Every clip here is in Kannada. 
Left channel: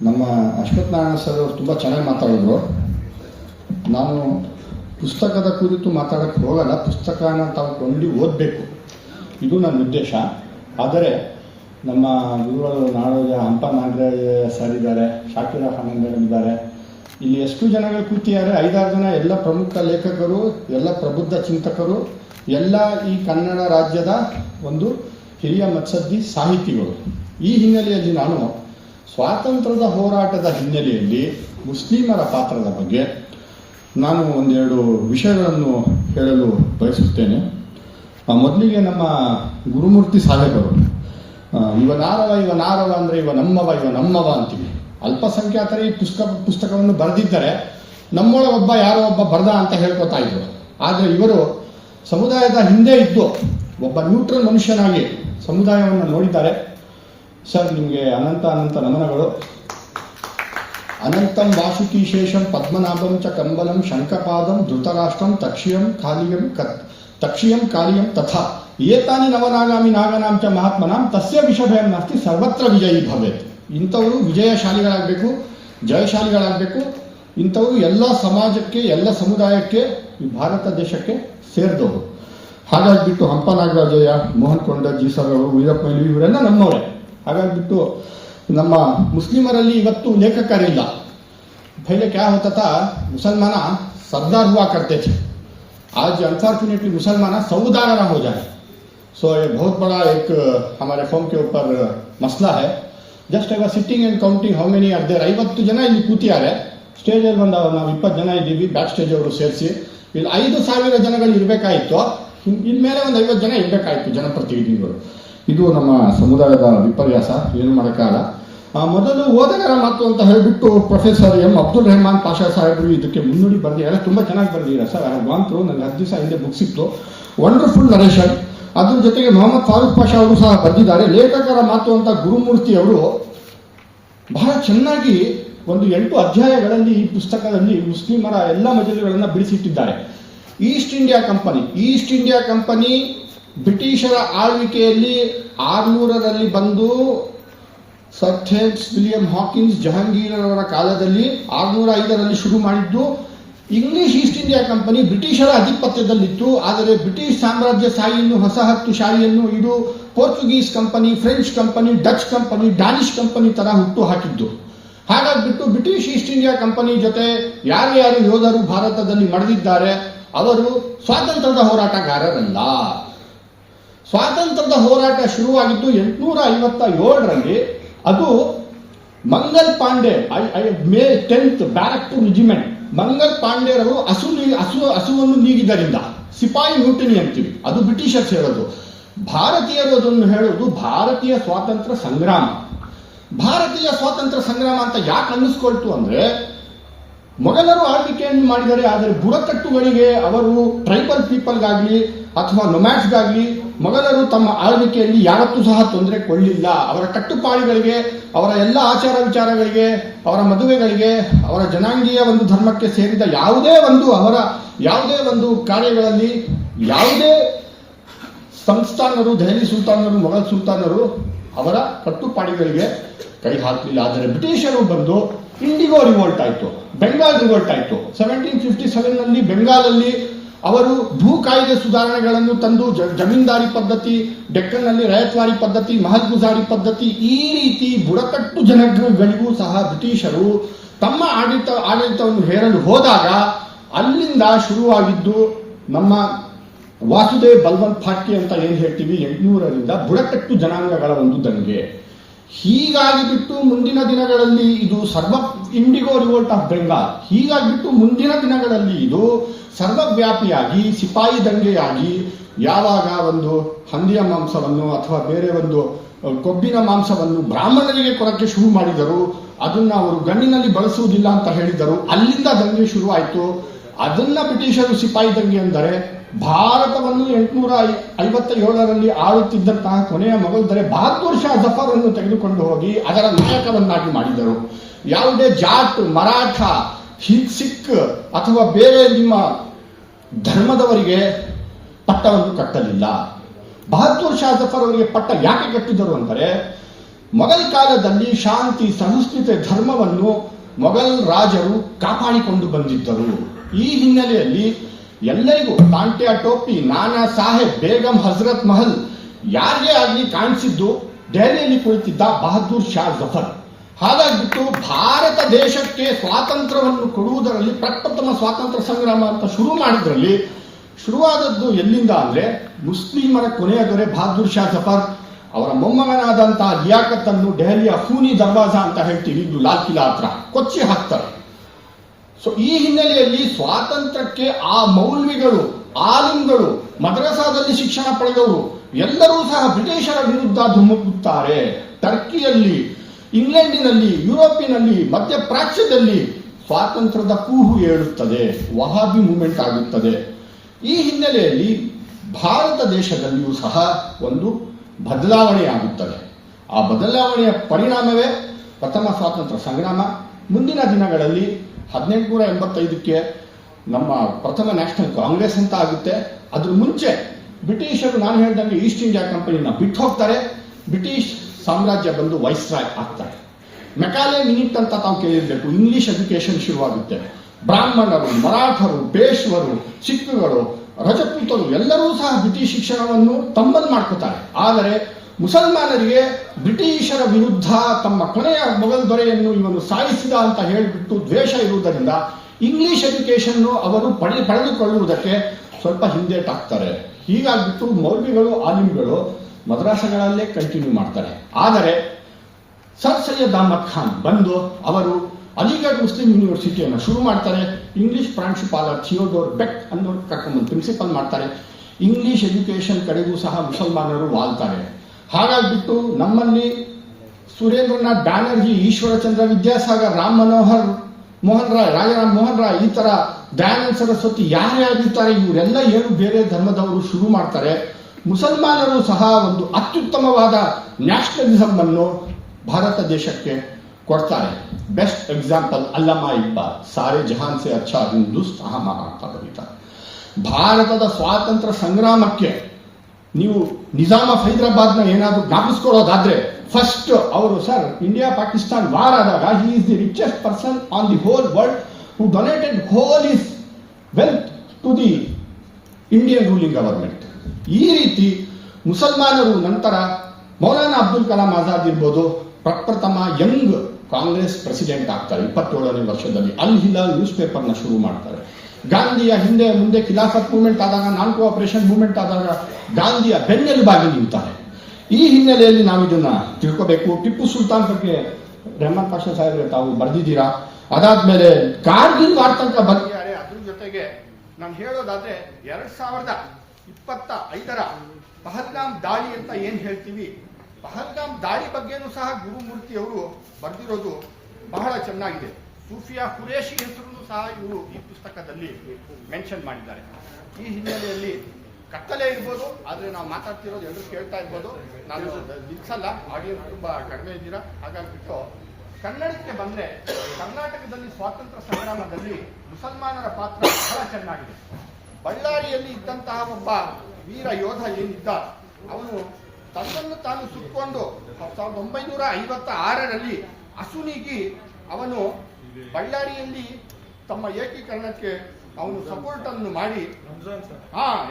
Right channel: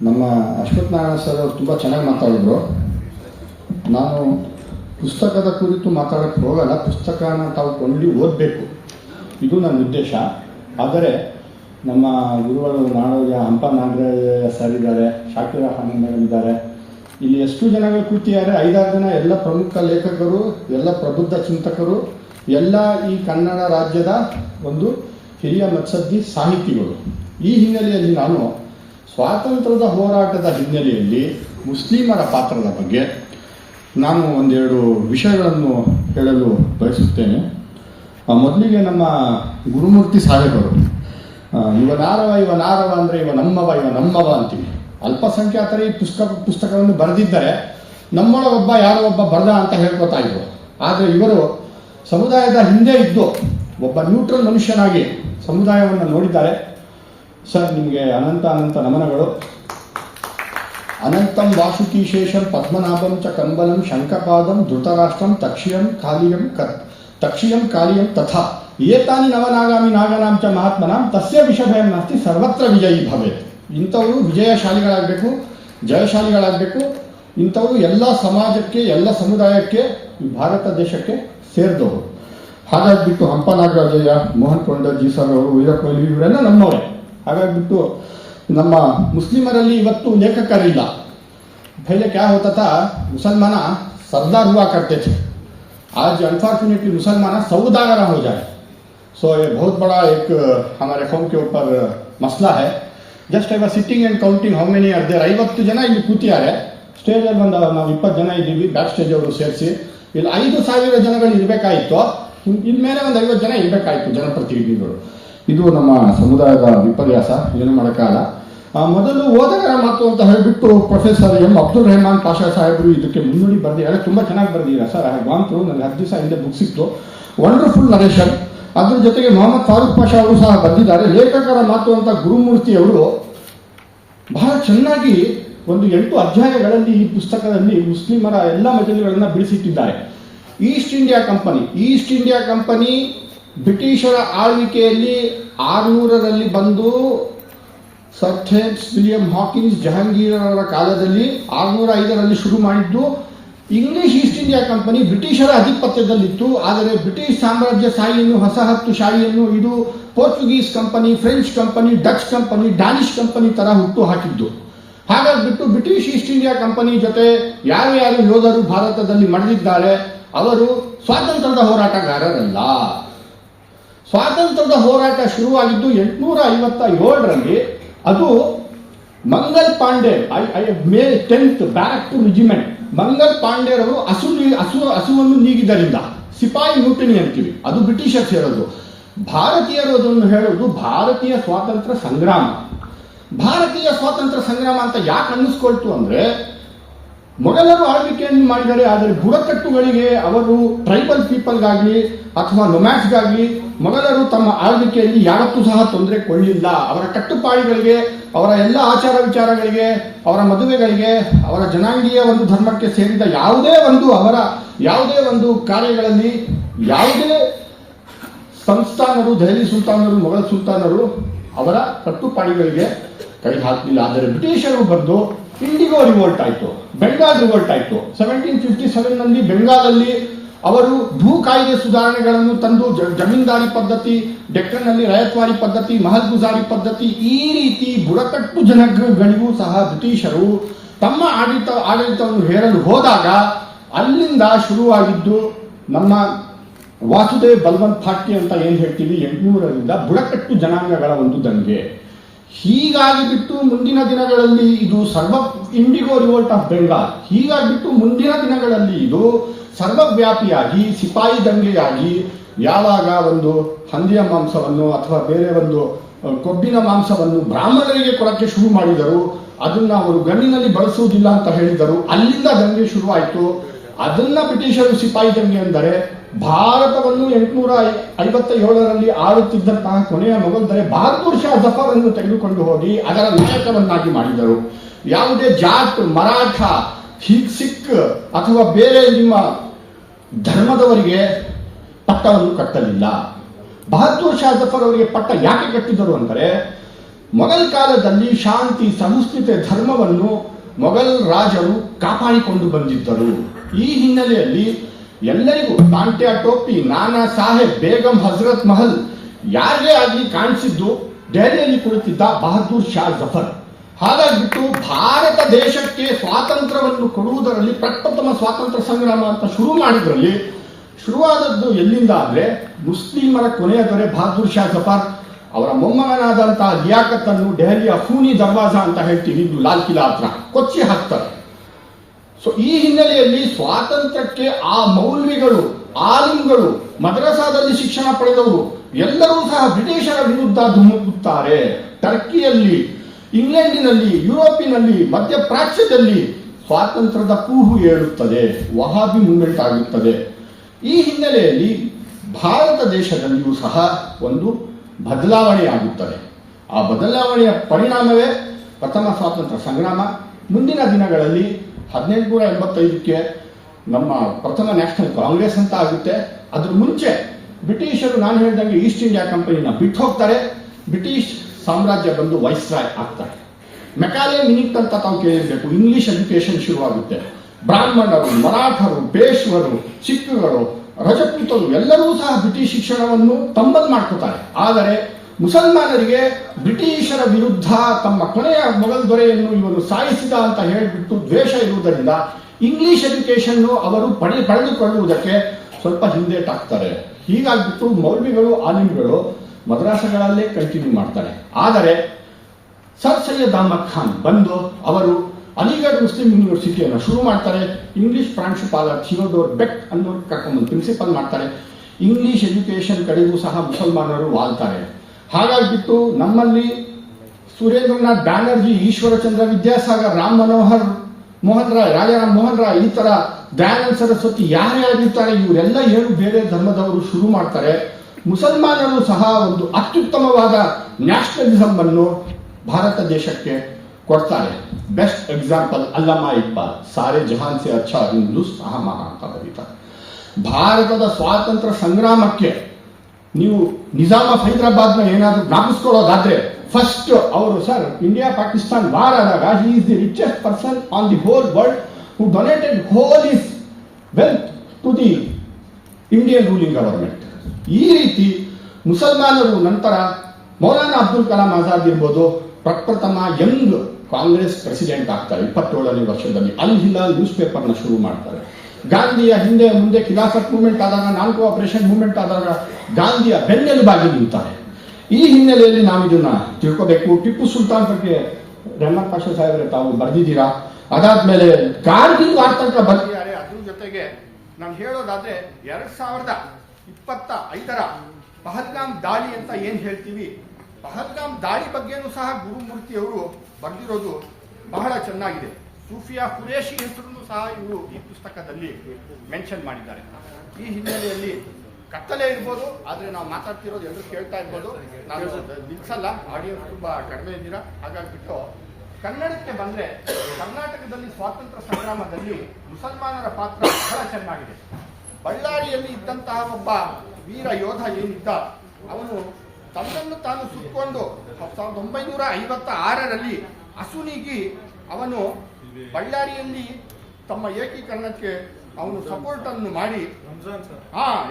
ನಮ್ಮ ಅಶ್ವತ್ಥನಾರಾಯಣ ಸರ್ ಅವರು ತುಂಬ ಚೆನ್ನಾಗಿ ಮಾತಾಡಿದ್ರು. ನಾನು ಪುಸ್ತಕದ ಕುರಿತು ಮಾತಾಡೋಕ್ಕೆ ಹೋಗಲ್ಲ, ಪುಸ್ತಕನ ತಾವು ಕೊಂಡು ಓದಬೇಕು, ಇದು ನನ್ನ ಉದ್ದೇಶ. ಆದರೆ ನಮ್ಮ ಗುರುಗಳು ನಾಡೋಜ ಹಂಪ ನಾಗರಾಜ ಸರ್ ಇದ್ದಾರೆ, ಶಾಕಿರ ಖಾನ್ ಇದ್ದಾರೆ, ಇಲ್ಲಿ ಎಷ್ಟು ಜನಗಳು ಕೂತಿದ್ದಾರೆ, 5-6 ಜನ ಎಲ್ಲ ಪ್ರಮುಖ ಲೇಖಕರು, ಎಲ್ಲ ಪ್ರಬುದ್ಧ ಚಿಂತಕರು, ಎಲ್ಲ ಈ ಕನ್ನಡ ರಾಜ್ಯದ ಒಂದು ಹಿರಿಯ ಮತ್ಸದ್ದಿ ಸಾಹಿತಿಗಳು. ಈ ಹಿನ್ನೆಲೆಯಲ್ಲಿ ನಾನು ಸ್ವಾತಂತ್ರ್ಯದ ಹೋರಾಟದ ಹಿನ್ನೆಲೆಯಲ್ಲಿ ಮುಸ್ಲಿಮರ ಪಾತ್ರದ ಬಗ್ಗೆ ನಾನು ಒಂದೆರಡು ವಿಷಯಗಳನ್ನು ಹೇಳಲು ಬಯಸುತ್ತೇನೆ. ಮೊದಲಿಗೆ ನಮ್ಮ ಗುರುಮೂರ್ತಿ ಸಾಹೇಬರು ಇವನಾರವ ಅಂದರೆ ಇವ ನಮ್ಮವ ಅಂತೀವಿ. ಅಲ್ಪಸಂಖ್ಯಾತರ ಈ ಪುಸ್ತಕವನ್ನು ಬರೆದಿದ್ದರೆ ನಮ್ಮೊಳಗೊಬ್ಬ ಯಾರೋ ಒಬ್ಬ ಬರೆದ ಅಂತ ಹೇಳ್ಕೊತಾ ಇದ್ರು. ಆದರೆ ಇವರು ಸಮುದಾಯದ ಹಿಂದೆ ಇದ್ದು ಒಬ್ಬ ನ್ಯೂಟ್ರಲ್ ಮನುಷ್ಯನಾಗಿ ಸಮುದಾಯವನ್ನು ನೋಡಿದ್ದಾರೆ. ಸರ್, ನಿಮಗೆ ಅನಂತ ನಮನಗಳು. ಅನಂತಂ ವಾಸುಕೀಶೇಷಂ ಪದ್ಮನಾಭಂ ಚ ಕಂಬಲಂ ಶಂಖಪಾದಂ ಧೃತರಾಷ್ಟ್ರಂ ತಕ್ಷಿಯಂ ಕಾಲಿಯಂ ತಥಾ ಏತಾನಿ ನವನಾಗಾಮಿ ನಾಗನಾಂ ಚ ಮಹಾತ್ಮನಾಂ ತಸ್ಯ ವಿಷಭಯಂ ನಾಸ್ತಿ ಸರ್ವತ್ರ ವಿಜಯೀ ಭವೇತ್. ಇಂಥವರು ವಿಜಯಶಾಲಿಗಳಾಗಬೇಕು, ಜಯಶಾಲಿಗಳಾಗಬೇಕು. ಇಂಥವು ಎಲ್ಲ ಸಮಾಜಕ್ಕೆ, ಎಲ್ಲ ಸಮುದಾಯಕ್ಕೆ, ಈ ಭಾರತ ದೇಶಕ್ಕೆ ಸೇರಿದವರು. ಹಾಗಾಗಿಬಿಟ್ಟು ಹಂಪ ನಾಗರಾಜಯ್ಯ, ಮೋಹನ್ ಕೊಂಡಜ್ಜಿ ಸರ್ ಅವರು, ವೀರಪ್ಪ ಮೊಯ್ಲಿ ಇವರೆಲ್ಲ ನಮ್ಮವರೇ. ಹಾಗಾಗಿಬಿಟ್ಟು ನಮ್ಮ ಮುಸ್ಲಿಮರಲ್ಲಿ ಇವತ್ತು ಲೇಖಕರಿಲ್ಲ. पहले क्या होता था, मुसलमान सरदार हुआ करते थे. आज अनफॉर्चुनेटली मुसलमान सौदागर हो जाए. सो ये बहुत बड़ा एक हमारे कौम के ऊपर मसला है. Just I was sitting and counting how many are there. 50 ಜನ ಇಲ್ಲಿ ಕೂತಿದ್ದಾರೆ. ಸ್ಟೇಜ್ ಅಲ್ಲಿ ನಾವು 20 ಜನ ಇದ್ದೀವಿ, ಬ್ಯಾಕ್ ಸ್ಟೇಜ್ ಅವರು ಸೇರಿಸಿ. ಇಲ್ಲಿ 5,000 ಜನಗಳು ಇರಬೇಕಾಯಿತು, ಇನ್ ಮೇಲೆ ಒಂದು 50 ಜನ ಇರಬೇಕಾಯಿತು ಜನಪ್ರತಿನಿಧಿಗಳು. ಇದು ನಮ್ಮ ಸಮುದಾಯದ ವಿಪರ್ಯಾಸ, ಏನು ಮಾಡೋಕ್ಕಾಗಲ್ಲ. ಮೊದಲು ಓದಗರ ಮಾತು ಅಂತ ಹೇಳಿಬಿಟ್ಟು ಪ್ರೊಫೆಸರ್ ಎಂ ಅಬ್ದುಲ್ ರೆಹಮಾನ್ ಪಾಷಾ ಸಾಹೇಬರು ಇದಕ್ಕೆ ಮುನ್ನುಡಿ ಬರೆದಿದ್ದಾರೆ. ತುಂಬ ಚೆನ್ನಾಗಿ ಬರೆದಿದ್ದಾರೆ ಸರ್. ಬಾಂತು ನನಗೆ 10 ದಿವಸ ಹಿಂದೆ ಬುಕ್ ಸಿಕ್ತು. Wonderful narration. ಅದ್ರ ಜೊತೆಗೆ ಮೊಹಮ್ಮದ್ ಫಾರೂಕ್ ಪಾಷಾ ಅವರು ಸಹ ಬರೆದಿದ್ದಾರೆ. ಲೇಖಕರ ಮಾತು ಅಂತ ಗುರುಮೂರ್ತಿ ಅವರು ಬಹಳ ಚೆನ್ನಾಗಿ ಒಂದು 8 ಅಧ್ಯಾಯಗಳಲ್ಲಿ ಈ ಪುಸ್ತಕದಲ್ಲಿ ಮುಸ್ಲಿಮರ ಎಲ್ಲ ಮಜಲುಗಳನ್ನು ಬಿಡಿಸಿಟ್ಟಿದ್ದಾರೆ. ಈಸ್ಟ್ ಇಂಡಿಯಾ ಕಂಪನಿ ಬ್ರಿಟಿಷರ ಆಳ್ವಿಕೆಯಲ್ಲಿ 600ರಲ್ಲಿ ಬಂದು ಸರ್ ಥೇಮ್ಸ್ ವಿಲಿಯಂ ಹಾಕಿನ್ಸ್ ಜಹಾಂಗೀರರ ಕಾಲದಲ್ಲಿ 605ರಲ್ಲಿ ಶುರು ಮಾಡಿದ್ದು. ಇಂಗ್ಲಿಷ್ ಈಸ್ಟ್ ಇಂಡಿಯಾ ಕಂಪನಿ ಬ್ರಿಟಿಷರ ಅಧಿಪತ್ಯದಲ್ಲಿತ್ತು. ಆದರೆ ಬ್ರಿಟಿಷ್ ಸಾಮ್ರಾಜ್ಯ ಶಾಹಿಯನ್ನು, ಹೊಸ ಶಾಹಿಯನ್ನು ಇದು Portuguese company, French company, Dutch company, Danish company ತರ ಹುಟ್ಟು ಹಾಕಿದ್ದು. ಹಾಗಾಗಿಬಿಟ್ಟು ಬ್ರಿಟಿಷ್ ಈಸ್ಟ್ ಇಂಡಿಯಾ ಕಂಪನಿ ಜೊತೆ ಯಾರು ಯೋಧರು ಭಾರತದಲ್ಲಿ ಮಡಿದಿದ್ದಾರೆ, ಅವರು ಸ್ವಾತಂತ್ರ್ಯದ ಹೋರಾಟಗಾರರಲ್ಲ. ಸ್ವಾತಂತ್ರ್ಯದ ಹೋರಾಟ ಶುರುವಾಗಿದ್ದು 857ರಲ್ಲಿ. ಅದು Mangal Pandey, May 10th back to regiment. Mangal ಪಾಂಡೆರವರು ಹಸುವನ್ನು ನೀಗಿದ್ದರಿಂದ ಸಿಪಾಯಿ ಮ್ಯೂಟಿನಿ ಅಂತೀವಿ, ಅದು ಬ್ರಿಟಿಷರ್ಸ್ ಹೇಳೋದು. ಭಾರತೀಯರು ಅದನ್ನು ಹೇಳೋದು ಭಾರತೀಯ ಸ್ವಾತಂತ್ರ್ಯ ಸಂಗ್ರಾಮ. ಭಾರತೀಯ ಸ್ವಾತಂತ್ರ್ಯ ಸಂಗ್ರಾಮ ಅಂತ ಯಾಕೆ ಅನ್ನಿಸ್ಕೊಳ್ತು ಅಂದ್ರೆ, ಮೊಘಲರು ಆಳ್ವಿಕೆಯನ್ನು ಮಾಡಿದರೆ, ಆದರೆ ಬುಡಕಟ್ಟುಗಳಿಗೆ, ಅವರು ಟ್ರೈಬಲ್ ಪೀಪಲ್ಗಾಗ್ಲಿ ಅಥವಾ ನೊಮ್ಯಾಡ್ಸ್ಗಾಗ್ಲಿ ಮೊಘಲರು ತಮ್ಮ ಆಳ್ವಿಕೆಯಲ್ಲಿ ಯಾವತ್ತೂ ಸಹ ತೊಂದರೆ ಕೊಡಲಿಲ್ಲ. ಅವರ ಕಟ್ಟುಪಾಡುಗಳಿಗೆ, ಅವರ ಎಲ್ಲ ಆಚಾರ ವಿಚಾರಗಳಿಗೆ, ಅವರ ಮದುವೆಗಳಿಗೆ, ಅವರ ಜನಾಂಗೀಯ ಒಂದು ಧರ್ಮಕ್ಕೆ ಸೇರಿದ ಯಾವುದೇ ಒಂದು ಕಾರ್ಯಗಳಲ್ಲಿ ಯಾವುದೇ ಸಂಸ್ಥಾನರು, ದೆಹಲಿ ಸುಲ್ತಾನರು, ಮೊಘಲ್ ಸುಲ್ತಾನರು ಅವರ ಕಟ್ಟುಪಾಡುಗಳಿಗೆ ಕೈ ಹಾಕಲಿಲ್ಲ. ಆದರೆ ಬ್ರಿಟಿಷರು ಬಂದು ಇಂಡಿಗೋ ರಿವೋಲ್ಟ್ ಆಯಿತು, ಬೆಂಗಾಲ್ ರಿವೋಲ್ಟ್ ಆಯಿತು. 1757ನಲ್ಲಿ ಬೆಂಗಾಲಲ್ಲಿ ಅವರು ಭೂ ಕಾಯ್ದೆ ಸುಧಾರಣೆಗಳನ್ನು ತಂದು ಜಮೀನ್ದಾರಿ ಪದ್ಧತಿ, ಡೆಕ್ಕನ್ನಲ್ಲಿ ರಯತ್ವಾರಿ ಪದ್ಧತಿ, ಮಹಲ್ ಗುಜಾರಿ ಪದ್ಧತಿ, ಈ ರೀತಿ ಬುಡಕಟ್ಟು ಜನಗಳಿಗೂ ಸಹ ಬ್ರಿಟಿಷರು ತಮ್ಮ ಆಡಳಿತವನ್ನು ಹೇರಲು ಹೋದಾಗ ಅಲ್ಲಿಂದ ಶುರುವಾಗಿದ್ದು ನಮ್ಮ ವಾಸುದೇವ್ ಬಲ್ವಂತ್ ಫಾಟ್ಕೆ ಅಂತ ಏನ್ ಹೇಳ್ತೀವಿ, 800ರಿಂದ ಬುಡಕಟ್ಟು ಜನಾಂಗಗಳ ಒಂದು ದಂಗೆ. ಹೀಗಾಗಿಬಿಟ್ಟು ಮುಂದಿನ ದಿನಗಳಲ್ಲಿ ಇದು ಇಂಡಿಗೋ ರಿವೋಲ್ಟ್ ಆಫ್ ಬೆಂಗಾಲ್. ಹೀಗಾಗಿಬಿಟ್ಟು ಮುಂದಿನ ದಿನಗಳಲ್ಲಿ ಇದು ಸರ್ವವ್ಯಾಪಿಯಾಗಿ ಸಿಪಾಯಿ ದಂಗೆಯಾಗಿ, ಯಾವಾಗ ಒಂದು ಹಂದಿಯ ಮಾಂಸವನ್ನು ಅಥವಾ ಬೇರೆ ಒಂದು ಕೊಬ್ಬಿನ ಮಾಂಸವನ್ನು ಬ್ರಾಹ್ಮಣರಿಗೆ ಕೊಡಕ್ಕೆ ಶುರು ಮಾಡಿದರು, ಅದನ್ನ ಅವರು ಗಣ್ಣಿನಲ್ಲಿ ಬಳಸುವುದಿಲ್ಲ ಅಂತ ಹೇಳಿದರು, ಅಲ್ಲಿಂದ ದಂಗೆ ಶುರುವಾಯಿತು. ಅದನ್ನ ಬ್ರಿಟಿಷರು ಸಿಪಾಯಿ ದಂಗೆ ಅಂದರೆ, ಭಾರತವನ್ನು 857ರಲ್ಲಿ ಆಳುತ್ತಿದ್ದಂತಹ ಕೊನೆಯ ಮೊಘಲ್ ದೊರೆ ಬಹದ್ದೂರ್ ಶಾ ಜಫರ್ ಅನ್ನು ತೆಗೆದುಕೊಂಡು ಹೋಗಿ ಅದರ ನಾಯಕವನ್ನಾಗಿ ಮಾಡಿದರು. ಯಾವುದೇ ಜಾಟ್, ಮರಾಠ, ಸಿಖ್ ಅಥವಾ ಬೇರೆ ನಿಮ್ಮ ಧರ್ಮದವರಿಗೆ ಪಟ್ಟವನ್ನು ಕಟ್ಟಲಿಲ್ಲ. ಬಹದ್ದೂರ್ ಶಾ ಜಫರ್ ಅವರಿಗೆ ಪಟ್ಟ ಯಾಕೆ ಕಟ್ಟಿದರು ಅಂದರೆ, ಮೊಘಲ್ ಕಾಲದಲ್ಲಿ ಶಾಂತಿ ಸಂಸ್ಕೃತಿ ಧರ್ಮವನ್ನು ಮೊಘಲ್ ರಾಜರು ಕಾಪಾಡಿಕೊಂಡು ಬಂದಿದ್ದರು. ಈ ಹಿನ್ನೆಲೆಯಲ್ಲಿ ಎಲ್ಲರಿಗೂ ತಾಂಟ್ಯಾ ಟೋಪಿ, ನಾನಾ ಸಾಹೇಬ್, ಬೇಗಂ, ಹಜರತ್ ಮಹಲ್ ಯಾರಿಗೇ ಆಗಲಿ ಕಾಣಿಸಿದ್ದು ದೆಹಲಿಯಲ್ಲಿ ಕುಳಿತಿದ್ದ ಬಹದ್ದೂರ್ ಶಾ ಜಫರ್. ಹಾಗಾಗಿಬಿಟ್ಟು ಭಾರತ ದೇಶಕ್ಕೆ ಸ್ವಾತಂತ್ರ್ಯವನ್ನು ಕೊಡುವುದರಲ್ಲಿ ಪ್ರಪ್ರಥಮ ಸ್ವಾತಂತ್ರ್ಯ ಸಂಗ್ರಾಮ ಅಂತ ಶುರುವಾದದ್ದು ಎಲ್ಲಿಂದ ಅಂದ್ರೆ ಮುಸ್ಲಿಮರ ಕೊನೆಯ ದೊರೆ ಬಹದ್ದೂರ್ ಶಾ ಜಫರ್ ಅವರ ಮೊಮ್ಮಗನಾದಂತಹ ಲಿಯಾಕತ್ ಅನ್ನು ದೆಹಲಿಯ ಹೂನಿ ದರ್ವಾಜಾ ಅಂತ ಹೇಳ್ತೀವಿ, ಇದು ಲಾಲ್ ಕಿಲಾ ಹತ್ರ ಕೊಚ್ಚಿ ಹಾಕ್ತಾರೆ. ಸೊ ಈ ಹಿನ್ನೆಲೆಯಲ್ಲಿ ಸ್ವಾತಂತ್ರ್ಯಕ್ಕೆ ಆ ಮೌಲ್ವಿಗಳು, ಆಲಿಮ್ಗಳು, ಮದ್ರಸಾದಲ್ಲಿ ಶಿಕ್ಷಣ ಪಡೆದವರು ಎಲ್ಲರೂ ಸಹ ಬ್ರಿಟಿಷರ ವಿರುದ್ಧ ಧುಮುಕುತ್ತಾರೆ. ಟರ್ಕಿಯಲ್ಲಿ, ಇಂಗ್ಲೆಂಡಿನಲ್ಲಿ, ಯುರೋಪಿನಲ್ಲಿ, ಮಧ್ಯಪ್ರಾಚ್ಯದಲ್ಲಿ ಸ್ವಾತಂತ್ರ್ಯದ ಕೂಹು ಏಳುತ್ತದೆ, ವಹಾಬಿ ಮೂವ್ಮೆಂಟ್ ಆಗುತ್ತದೆ. ಈ ಹಿನ್ನೆಲೆಯಲ್ಲಿ ಭಾರತ ದೇಶದಲ್ಲಿಯೂ ಸಹ ಒಂದು ಬದಲಾವಣೆ ಆಗುತ್ತದೆ. ಆ ಬದಲಾವಣೆಯ ಪರಿಣಾಮವೇ ಪ್ರಥಮ ಸ್ವಾತಂತ್ರ್ಯ ಸಂಗ್ರಾಮ. ಮುಂದಿನ ದಿನಗಳಲ್ಲಿ 1885ಕ್ಕೆ ನಮ್ಮ ಪ್ರಥಮ ನ್ಯಾಷನಲ್ ಕಾಂಗ್ರೆಸ್ ಅಂತ ಆಗುತ್ತೆ. ಅದ್ರ ಮುಂಚೆ ಬ್ರಿಟಿಷರು, ನಾನು ಹೇಳಿದಂಗೆ ಈಸ್ಟ್ ಇಂಡಿಯಾ ಕಂಪನಿನ ಬಿಟ್ಟು ಹೋಗ್ತಾರೆ. ಬ್ರಿಟಿಷ್ ಸಾಮ್ರಾಜ್ಯ ಬಂದು ವೈಸ್ರಾಯ್ ಆಗ್ತಾರೆ. ಮೆಕಾಲೆ ಮಿನಿಟ್ ಅಂತ ತಾವು ಕೇಳಿರ್ಬೇಕು. ಇಂಗ್ಲಿಷ್ ಎಜುಕೇಶನ್ ಶುರುವಾಗುತ್ತೆ. ಬ್ರಾಹ್ಮಣರು, ಮರಾಠರು, ಪೇಶ್ವರು, ಸಿಖ್ಗಳು, ರಜಪೂತರು ಎಲ್ಲರೂ ಸಹ ಬ್ರಿಟಿಷ್ ಶಿಕ್ಷಣವನ್ನು ತಮ್ಮದು ಮಾಡ್ಕೋತಾರೆ. ಆದರೆ ಮುಸಲ್ಮಾನರಿಗೆ ಬ್ರಿಟಿಷರ ವಿರುದ್ಧ ತಮ್ಮ ಕೊನೆಯ ಮೊಘಲ್ ದೊರೆಯನ್ನು ಇವನು ಸಾಯಿಸಿದ ಅಂತ ಹೇಳಿಬಿಟ್ಟು ದ್ವೇಷ ಇರುವುದರಿಂದ ಇಂಗ್ಲಿಷ್ ಎಜುಕೇಶನ್ ಅವರು ಪಡೆದುಕೊಳ್ಳುವುದಕ್ಕೆ ಸ್ವಲ್ಪ ಹಿಂದೇಟಾಗ್ತಾರೆ. ಹೀಗಾಗ್ಬಿಟ್ಟು ಮೌಲ್ವಿಗಳು, ಆಲಿಮ್ಗಳು ಮದ್ರಾಸಗಳಲ್ಲೇ ಕಂಟಿನ್ಯೂ ಮಾಡ್ತಾರೆ. ಆದರೆ ಸರ್ ಸೈಯದ್ ಅಹಮದ್ ಖಾನ್ ಬಂದು ಅವರು ಅಲಿಗಢ್ ಮುಸ್ಲಿಂ ಯೂನಿವರ್ಸಿಟಿಯನ್ನು ಶುರು ಮಾಡ್ತಾರೆ. ಇಂಗ್ಲಿಷ್ ಪ್ರಾಂಶುಪಾಲ ಥಿಯೋಡೋರ್ ಬೆಕ್ ಅನ್ನು ಕರ್ಕೊಂಡು ಪ್ರಿನ್ಸಿಪಲ್ ಮಾಡ್ತಾರೆ. ಇಂಗ್ಲಿಷ್ ಎಜುಕೇಶನ್ ಕಡೆಗೂ ಸಹ ಮುಸಲ್ಮಾನರು ವಾಲ್ತಾರೆ. ಹಾಗಾಗಿಬಿಟ್ಟು ನಮ್ಮಲ್ಲಿ ಸುರೇಂದ್ರನಾಥ್ ಬ್ಯಾನರ್ಜಿ, ಈಶ್ವರಚಂದ್ರ ವಿದ್ಯಾಸಾಗರ್, ರಾಮ್ ಮನೋಹರ್ ಮೋಹನ್ ರಾಯ್, ರಾಜಾರಾಮ್ ಮೋಹನ್ ರಾಯ್, ಈ ತರ ದಯಾನಂದ ಸರಸ್ವತಿ ಯಾರೇ ಆಗಿರ್ತಾರೆ, ಇವರೆಲ್ಲ ಏನು ಬೇರೆ ಧರ್ಮದವರು ಶುರು ಮಾಡ್ತಾರೆ. ಮುಸಲ್ಮಾನರು ಸಹ ಒಂದು ಅತ್ಯುತ್ತಮವಾದ ನ್ಯಾಷನಲಿಸಂ ಅನ್ನು ಭಾರತ ದೇಶಕ್ಕೆ ಕೊಡ್ತಾರೆ. ಬೆಸ್ಟ್ ಎಕ್ಸಾಂಪಲ್ ಅಲ್ಲಮಾ ಇಕ್ಬಾಲ್, ಸಾರೆ ಜಹಾನ್ ಸೆ ಅಚ್ಚಾ ಹಿಂದೂಸ್ತಾನ್ ಅಂತ ಬರೀತಾರೆ. ಭಾರತದ ಸ್ವಾತಂತ್ರ್ಯ ಸಂಗ್ರಾಮಕ್ಕೆ ನೀವು ನಿಜಾಮ್ ಆಫ್ ಹೈದರಾಬಾದ್ನ ಏನಾದರೂ ಜ್ಞಾಪಿಸ್ಕೊಳ್ಳೋದಾದ್ರೆ, ಫಸ್ಟ್ ಅವರು ಸರ್ ಇಂಡಿಯಾ ಪಾಕಿಸ್ತಾನ್ ವಾರ್ ಆದಾಗ he is the richest person on the whole world who donated whole his wealth to the Indian ruling government. ಈ ರೀತಿ ಮುಸಲ್ಮಾನರು ನಂತರ ಮೌಲಾನಾ ಅಬ್ದುಲ್ ಕಲಾಂ ಆಜಾದ್ ಇರ್ಬೋದು, ಪ್ರಪ್ರಥಮ ಯಂಗ್ ಕಾಂಗ್ರೆಸ್ ಪ್ರೆಸಿಡೆಂಟ್ ಆಗ್ತಾರೆ 27ನೇ ವರ್ಷದಲ್ಲಿ. ಅಲ್ ಹಿಲಾಲ್ ನ್ಯೂಸ್ ಪೇಪರ್ನ ಶುರು ಮಾಡ್ತಾರೆ. ಗಾಂಧಿಯ ಹಿಂದೆ ಮುಂದೆ ಖಿಲಾಫತ್ ಮೂವ್ಮೆಂಟ್ ಆದಾಗ, ನಾನ್ ಕೋಆಪರೇಷನ್ ಮೂವ್ಮೆಂಟ್ ಆದಾಗ ಗಾಂಧಿಯ ಬೆನ್ನೆಲುಬಾಗಿ ನಿಲ್ತಾರೆ. ಈ ಹಿನ್ನೆಲೆಯಲ್ಲಿ ನಾವು ಇದನ್ನ ತಿಳ್ಕೋಬೇಕು. ಟಿಪ್ಪು ಸುಲ್ತಾನ್ ಬಗ್ಗೆ ರೆಹಮತ್ ಪಾಷಾ ಸಾಹೇಬ್ರೆ ತಾವು ಬರೆದಿದ್ದೀರಾ. ಅದಾದ್ಮೇಲೆ ಕಾರ್ಗಿಲ್ ವಾರ್ತಂಕ ಬರೆದಿದ್ದಾರೆ. ಅದ್ರ ಜೊತೆಗೆ ನಾನು ಹೇಳೋದಾದ್ರೆ 2025ರ ಪಹಲ್ಗಾಮ್ ದಾಳಿ ಅಂತ ಏನ್ ಹೇಳ್ತೀವಿ, ಪಹಲ್ಗಾಮ್ ದಾಳಿ ಬಗ್ಗೆನೂ ಸಹ ಗುರುಮೂರ್ತಿ ಅವರು ಬರೆದಿರೋದು ಬಹಳ ಚೆನ್ನಾಗಿದೆ. ಸೂಫಿಯಾ ಕುರೇಶಿ ಹೆಸರನ್ನು ಸಹ ಇವರು ಈ ಪುಸ್ತಕದಲ್ಲಿ ಮೆನ್ಷನ್ ಮಾಡಿದ್ದಾರೆ. ಈ ಹಿನ್ನೆಲೆಯಲ್ಲಿ ಕತ್ತಲೆ ಇರ್ಬೋದು, ಆದರೆ ನಾವು ಮಾತಾಡ್ತಿರೋದು ಎಲ್ಲರೂ ಕೇಳ್ತಾ ಇರ್ಬೋದು. ನಾನು ನಿಲ್ಸಲ್ಲ, ಆಡಿಯನ್ಸ್ ತುಂಬಾ ಕಡಿಮೆ ಇದ್ದೀರಾ. ಹಾಗಾಗ್ಬಿಟ್ಟು ಕನ್ನಡಕ್ಕೆ ಬಂದ್ರೆ, ಕರ್ನಾಟಕದಲ್ಲಿ ಸ್ವಾತಂತ್ರ್ಯ ಸಂಗ್ರಾಮದಲ್ಲಿ ಮುಸಲ್ಮಾನರ ಪಾತ್ರ ಬಹಳ ಚೆನ್ನಾಗಿದೆ. ಬಳ್ಳಾರಿಯಲ್ಲಿ ಇದ್ದಂತಹ ಒಬ್ಬ ವೀರ ಯೋಧ ಏನಿದ್ದ, ಅವನು ತನ್ನನ್ನು ತಾನು ಸುತ್ತಕೊಂಡು 1956ರಲ್ಲಿ ಅಸುನೀಗಿ ಅವನು ಬಳ್ಳಾರಿಯಲ್ಲಿ ತಮ್ಮ ಏಕೀಕರಣಕ್ಕೆ ಅವನು ಸಪೋರ್ಟ್ ಅನ್ನು ಮಾಡಿ,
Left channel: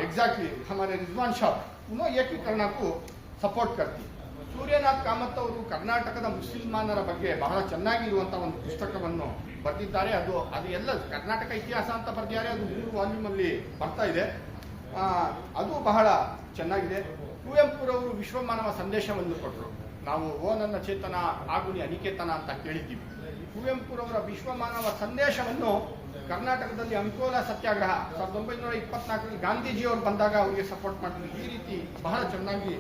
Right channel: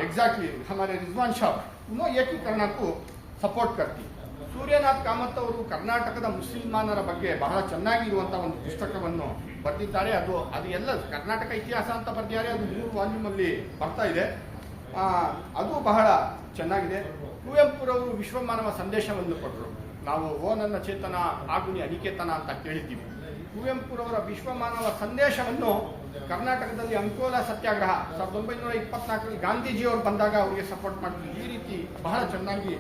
ಎಕ್ಸಾಕ್ಟ್ಲಿ ಹಮಾರೆ ರಿಜ್ವಾನ್ ಶಾಹ್ ಉನ್ನೋ ಏಕೀಕರಣಕ್ಕೂ ಸಪೋರ್ಟ್ ಕರ್ತಿ. ಸೂರ್ಯನಾಥ್ ಕಾಮತ್ ಅವರು ಕರ್ನಾಟಕದ ಮುಸಲ್ಮಾನರ ಬಗ್ಗೆ ಬಹಳ ಚೆನ್ನಾಗಿರುವಂತಹ ಒಂದು ಪುಸ್ತಕವನ್ನು ಬರೆದಿದ್ದಾರೆ. ಅದು ಎಲ್ಲ ಕರ್ನಾಟಕ ಇತಿಹಾಸ ಅಂತ ಬರೆದಿದ್ದಾರೆ. ಅದು 3 ವಾಲ್ಯೂಮ್ ಅಲ್ಲಿ ಬರ್ತಾ ಇದೆ. ಅದು ಬಹಳ ಚೆನ್ನಾಗಿದೆ. ಕುವೆಂಪುರವರು ವಿಶ್ವಮಾನವ ಸಂದೇಶವನ್ನು ಕೊಟ್ಟರು. ನಾವು ಓ ನನ್ನ ಚೇತನ ಆಗುನಿ ಅನಿಕೇತನ ಅಂತ ಕೇಳಿದ್ದೀವಿ. ಕುವೆಂಪುರವರ ವಿಶ್ವಮಾನವ ಸಂದೇಶವನ್ನು ಕರ್ನಾಟಕದಲ್ಲಿ ಅಂಕೋಲಾ ಸತ್ಯಾಗ್ರಹ 1924ರಲ್ಲಿ ಗಾಂಧೀಜಿಯವರು ಬಂದಾಗ ಅವರಿಗೆ ಸಪೋರ್ಟ್ ಮಾಡಿದ್ರು. ಈ ರೀತಿ ಬಹಳ ಚೆನ್ನಾಗಿ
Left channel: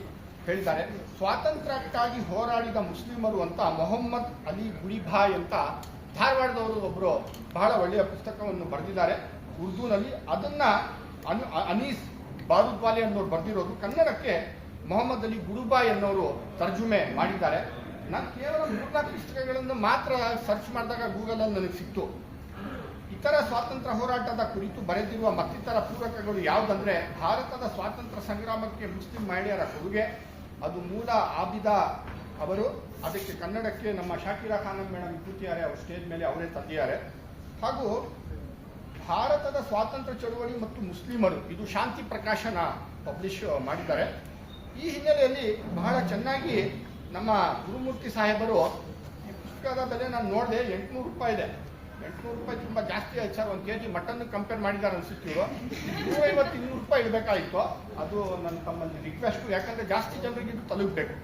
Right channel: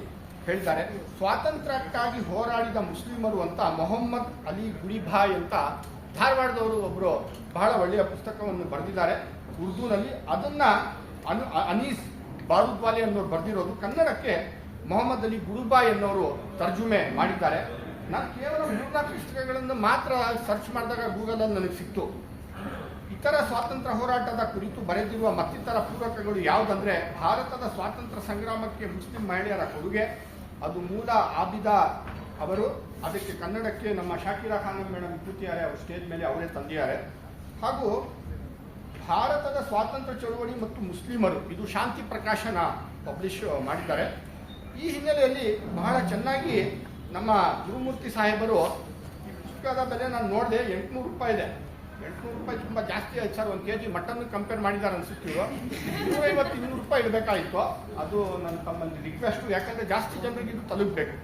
ಹೇಳಿದ್ದಾರೆ. ಸ್ವಾತಂತ್ರ್ಯಕ್ಕಾಗಿ ಹೋರಾಡಿದ ಮುಸ್ಲಿಮರು ಅಂತ ಮೊಹಮ್ಮದ್ ಅಲಿ ಗುಡಿಭಾಯ್ ಅಂತ ಧಾರವಾಡದವರು ಒಬ್ಬರು ಬಹಳ ಒಳ್ಳೆಯ ಪುಸ್ತಕವನ್ನು ಬರೆದಿದ್ದಾರೆ ಉರ್ದುನಲ್ಲಿ. ಅದನ್ನ ಅನೀಸ್ ಬಾರೂದ್ವಾಲಿ ಅನ್ನೋರು ಬರೆದಿರೋದು. ಕನ್ನಡಕ್ಕೆ ಮೊಹಮ್ಮದ್ ಅಲಿ ಗುಡುಬಾಯ್ ಅನ್ನೋರು ತರ್ಜುಮೆ ಮಾಡಿದ್ದಾರೆ. ನಾನು ಕೇವಲ 3-4 ಪುಸ್ತಕಗಳನ್ನು ಮಾತ್ರ ಸರ್ಚ್ ಮಾಡಿದಾಗ ಗೂಗಲಲ್ಲಿ ನನಗೆ ಸಿಕ್ತು. ಇತರ ಸ್ವಾತಂತ್ರ್ಯ ಹೋರಾಟದ ಕುರಿತು ಬರೆದಿರುವ ಮತ್ತಿತರ ಪೂರಕಗಳು ಯಾವುದಂದ್ರೆ, ಭಾರತದ ಸ್ವಾತಂತ್ರ್ಯ ಸಂಗ್ರಾಮಕ್ಕೆ ಮುಸ್ಲಿಂ ಮಹಿಳೆಯರ ಕೊಡುಗೆ, ಅದು ಮೂಲ ಆಬಿದಾ ಅವರು ಅದಕ್ಕೆ ಕನ್ನಡಕ್ಕೆ ನಮ್ಮ ಶಾಕಿರಾ ಖಾನಂ ಮೇಡಮ್ ಕೂತಿದ್ದಾರೆ, ಅವ್ರು ಸ್ಟೇಜ್ ಮೇಲೆ ಅವರೇ ತಂದಿದ್ದಾರೆ. ಹಾಗೂ ಭಾರತದ ಸ್ವಾತಂತ್ರ್ಯ ಚಳವಳಿ ಮತ್ತು ಮುಸ್ಲಿಮರು, ಇದು ಶಾಂತಿ ಪ್ರಕಾಶನ ಪಬ್ಲಿಷ್ ಮಾಡಿದ್ದಾರೆ. ಈ ಹಿನ್ನೆಲೆಯಲ್ಲಿ ಬಹಳ ಚೆನ್ನಾಗಿ ನಮ್ಮ ಗುರುಮೂರ್ತಿ ಸಾಹೇಬರು, ಈ ಪುಸ್ತಕದ ಬೆಲೆ ನಾನು ನೋಡಿದೆ, 800 ರೂಪಾಯಿ ಇದೆ. 800 ರೂಪಾಯಿ ತುಂಬ ಜಾಸ್ತಿ ಆಯ್ತು ಸರ್. 1 kg ಮಟನ್ ಕಂಪೇರ್ ಮಾಡಿದ್ದಾರೆ ಅನ್ಸುತ್ತೆ ಇವರು. 150-200 ರೂಪಾಯಿ ಇಡಬೇಕಾಯಿತು. ಅದು ನನ್ನ ತಮ್ಮಲ್ಲಿ ರಿಕ್ವೆಸ್ಟು, ಯಾಕಂದರೆ ಜಾಸ್ತಿ ಜನರಿಗೆ ಇದು ತಲುಪಬೇಕು.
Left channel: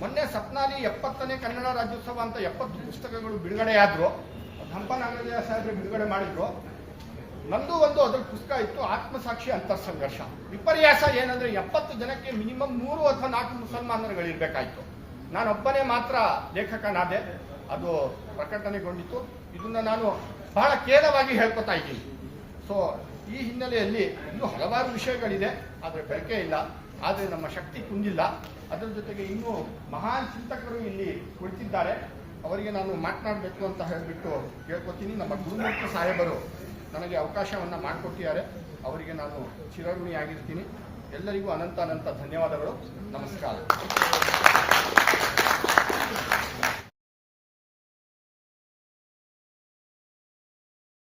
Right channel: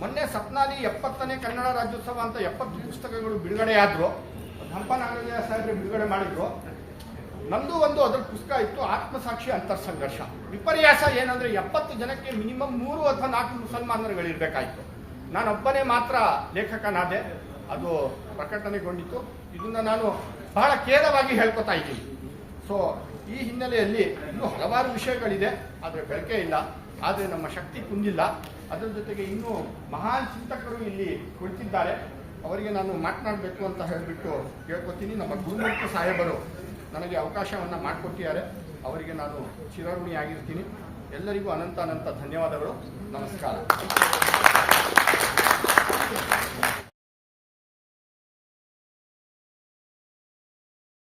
ಮೊನ್ನೆ ಸತ್ನಾಲಿ 70ನೇ ಕನ್ನಡ ರಾಜ್ಯೋತ್ಸವ ಅಂತ 70 ಪುಸ್ತಕಗಳು ಬಿಡುಗಡೆಯಾದರು. ಹಂಪ ನಾಗರಾಜ ಸಾಹೇಬ್ರೆ ಬಿಡುಗಡೆ ಮಾಡಿದ್ರು. ನಂದು ಒಂದು ಅದ್ರ ಪುಸ್ತಕ ಇತ್ತು, ಆತ್ಮಸಾಕ್ಷಿ ಅಂತರ್ಸಂಘರ್ಷ. ವಿಪರ್ಯಾಸ ಏನಂದ್ರೆ 70 ಜನಕ್ಕೆ ಮಿನಿಮಮ್ 3 ಅಥವಾ 4 ಮುಸಲ್ಮಾನರುಗಳಿರ್ಬೇಕಾಯ್ತು. ನಾನೊಬ್ಬನೇ ಮಾತ್ರ ಲೇಖಕನಾದೆ. ಅದು ಪ್ರಕಟಣೆಗೊಂಡಿತು. ಇದನ್ನ ನಾನು ಬಹಳ ಖೇದವಾಗಿ ಹೇಳ್ಕೊತಾ ಇದ್ದೀನಿ. ಸೊ ಈ ಹಿನ್ನೆಲೆಯಲ್ಲಿ ಇನ್ನೂ ಹಲವಾರು ವಿಷಯಗಳಿದೆ, ಆದರೆ ಬೆಳಕೆ ಇಲ್ಲ, ಆದರೆ ನಮ್ಮ ಶಕ್ತಿ ಕುಂದಿಲ್ಲ. ಅದರ ಜೊತೆಗೆ ಇನ್ನೂ ಮಹಾನ್ ಚಿಂತಕರು ಇಲ್ಲಿ ಕುಳಿತಿದ್ದಾರೆ, ಅವರಿಗೆ ನಾನು ಮಾತನಾಡಬೇಕು ಅಂತ ಹೇಳಿಬಿಟ್ಟು ಕೇಳ್ಕೊತೀನಿ. ನಮ್ಮ ಗುರುಮೂರ್ತಿ ಸಾಹೇಬರು ನನಗೆ ಅವಕಾಶವನ್ನು ಮಾಡಿಕೊಟ್ಟಿದ್ದಾರೆ, ಅವರಿಗೆ ನಾನು ಚಿರಋಣಿಯಾಗಿರ್ತೀನಿ. ಎಲ್ಲರಿಗೂ ಅನಂತ ಧನ್ಯವಾದಗಳು. ನಮಸ್ಕಾರ.